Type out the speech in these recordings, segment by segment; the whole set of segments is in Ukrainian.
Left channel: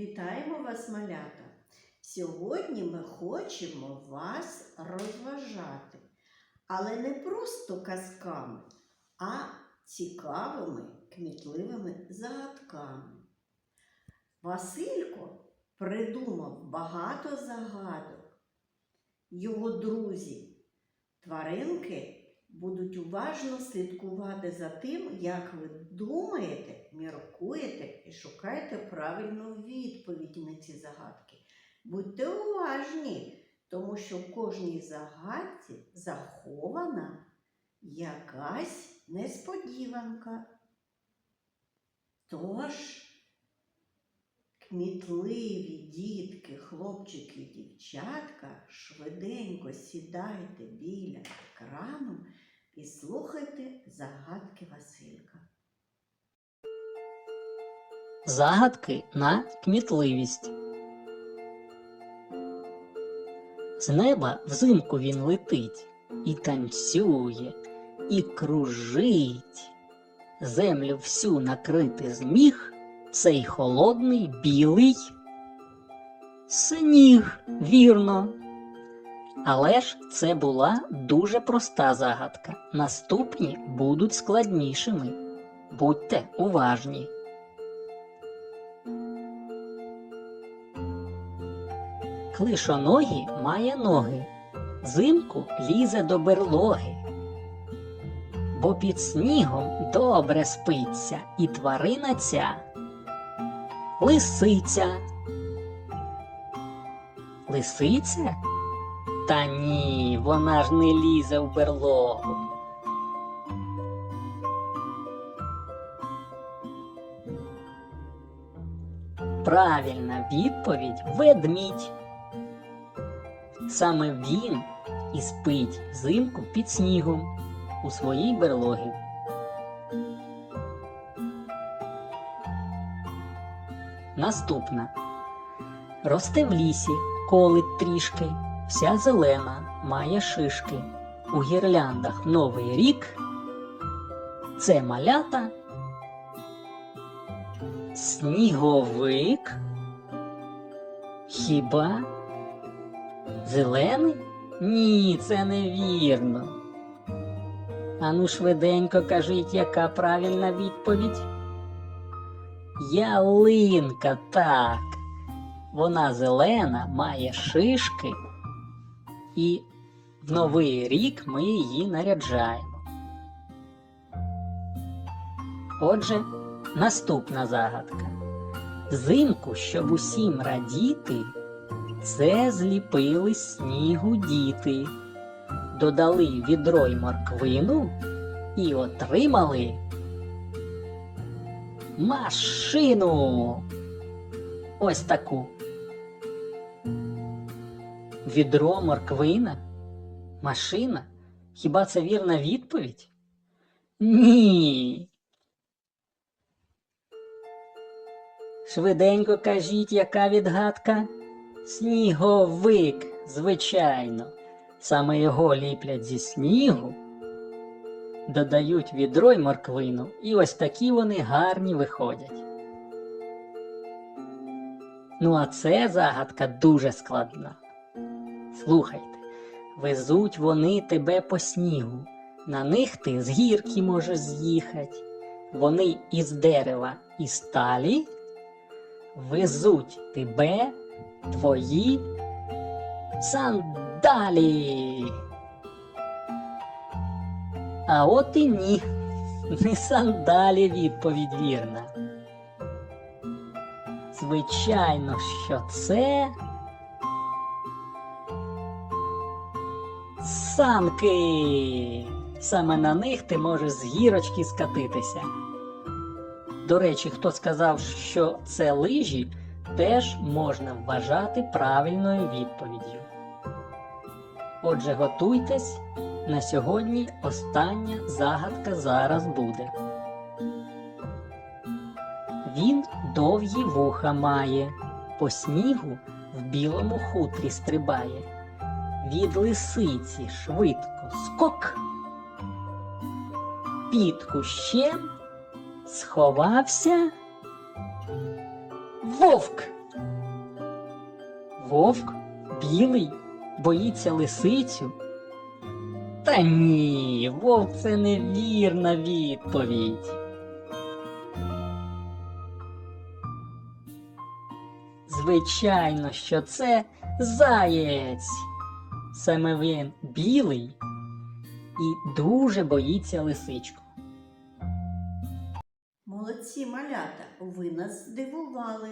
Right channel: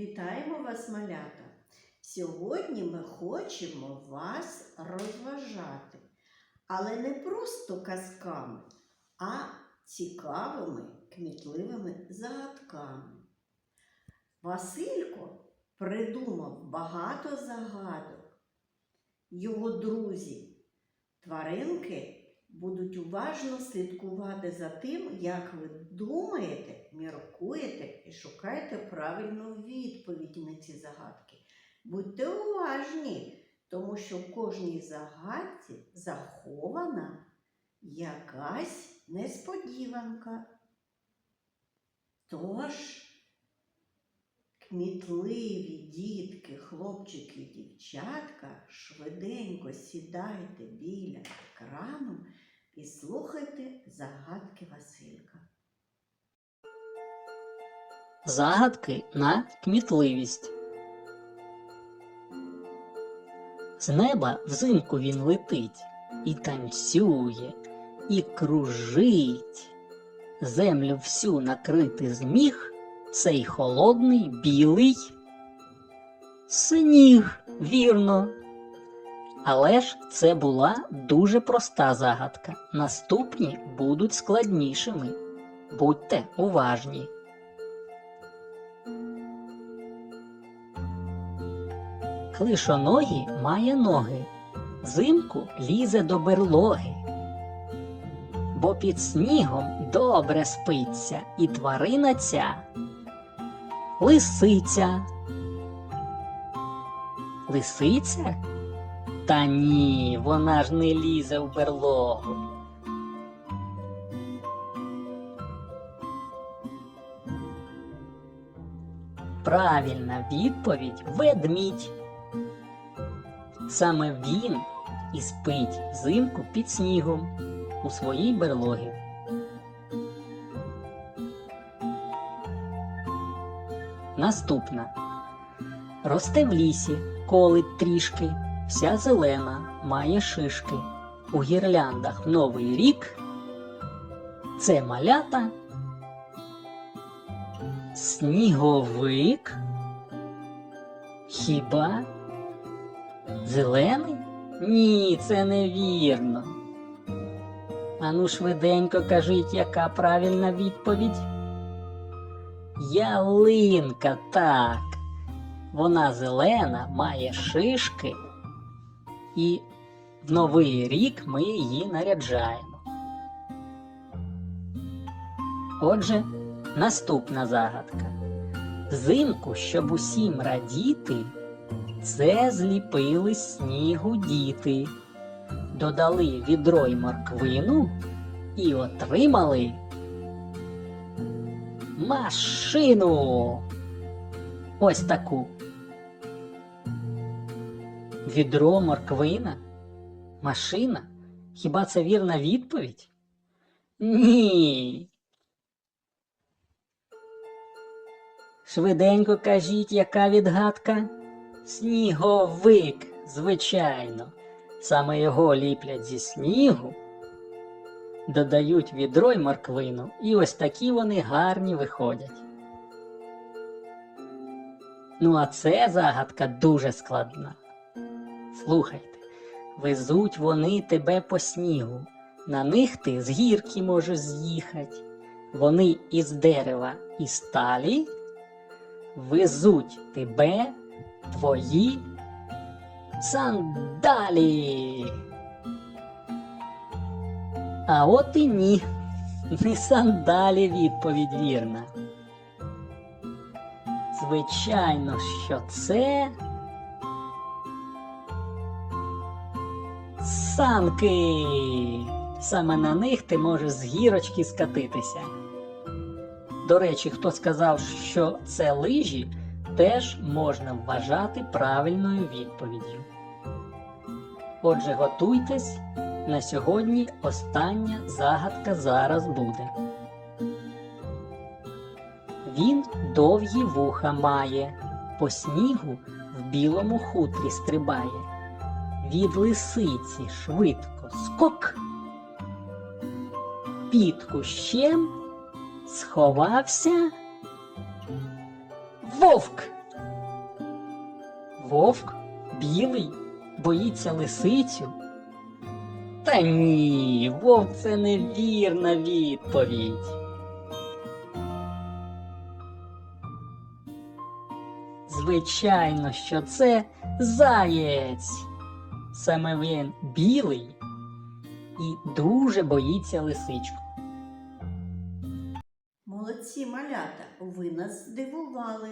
Вітаємо вас, малята! Сьогодні ми хочемо вас розважати, але не просто казками, а цікавими, кмітливими загадками. Василько придумав багато загадок. Його друзі, тваринки будуть уважно слідкувати за тим, як ви думаєте, міркуєте і шукаєте правильну відповідь на ці загадки. Будьте уважні, тому що в кожній загадці захована якась несподіванка. Тож, кмітливі дітки, хлопчики дівчатка, швиденько сідайте біля екрану і слухайте загадки Василька. Загадки на кмітливість. З неба взимку він летить і танцює, і кружить. Землю всю накрити зміг цей холодний білий сніг, вірно. Але ж це була дуже проста загадка. Наступні будуть складнішими. Будьте уважні. Клишоногі має ноги, взимку лізе до берлоги, бо під снігом добре спиться і тварина ця лисиця. Лисиця? Та ні, вона ж не лізе в берлогу. Правильна відповідь ведмідь. Саме він і спить взимку під снігом у своїй берлогі. Наступна. Росте в лісі, колить трішки, вся зелена, має шишки. У гірляндах Новий рік. Це малята. Сніговик. Хіба? Зелений? Ні, це невірно. Ану швиденько кажіть, яка правильна відповідь? Ялинка, так. Вона зелена, має шишки, і в новий рік ми її наряджаємо. Отже, наступна загадка. Взимку, щоб усім радіти, це зліпили снігу діти, додали відро й морквину і отримали машину. Ось таку. Відро, морквина, машина. Хіба це вірна відповідь? Ні. Швиденько кажіть, яка відгадка? Сніговик, звичайно. Саме його ліплять зі снігу, додають відро й морквину, і ось такі вони гарні виходять. Ну, а це загадка дуже складна. Слухайте, везуть вони тебе по снігу, на них ти з гірки можеш з'їхати. Вони із дерева і сталі везуть тебе твої сандалі. А от і ні, не сандалі відповідь вірна. Звичайно, що це санки. Саме на них ти можеш з гірочки скатитися. До речі, хто сказав, що це лижі, теж можна вважати правильною відповіддю. Отже, готуйтесь. На сьогодні остання загадка зараз буде. Він довгі вуха має, по снігу в білому хутрі стрибає. Від лисиці швидко скок. Під кущем сховався вовк. Вовк білий боїться лисицю. Та ні, вовк це невірна відповідь. Звичайно, що це заєць. Саме він білий і дуже боїться лисичку. Молодці малята, ви нас здивували.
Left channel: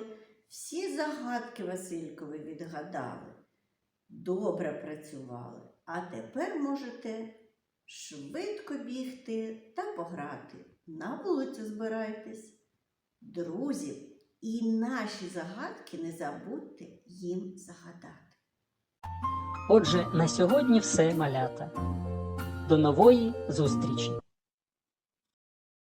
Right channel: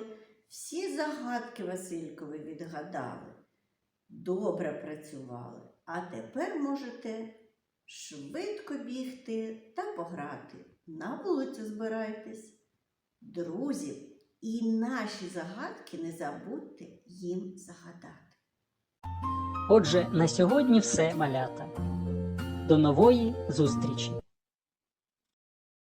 Всі загадки Василькові відгадали. Добре працювали. А тепер можете швидко бігти та пограти. На вулицю збирайтесь. Друзі, і наші загадки не забудьте їм загадати. Отже, на сьогодні все малята. До нової зустрічі!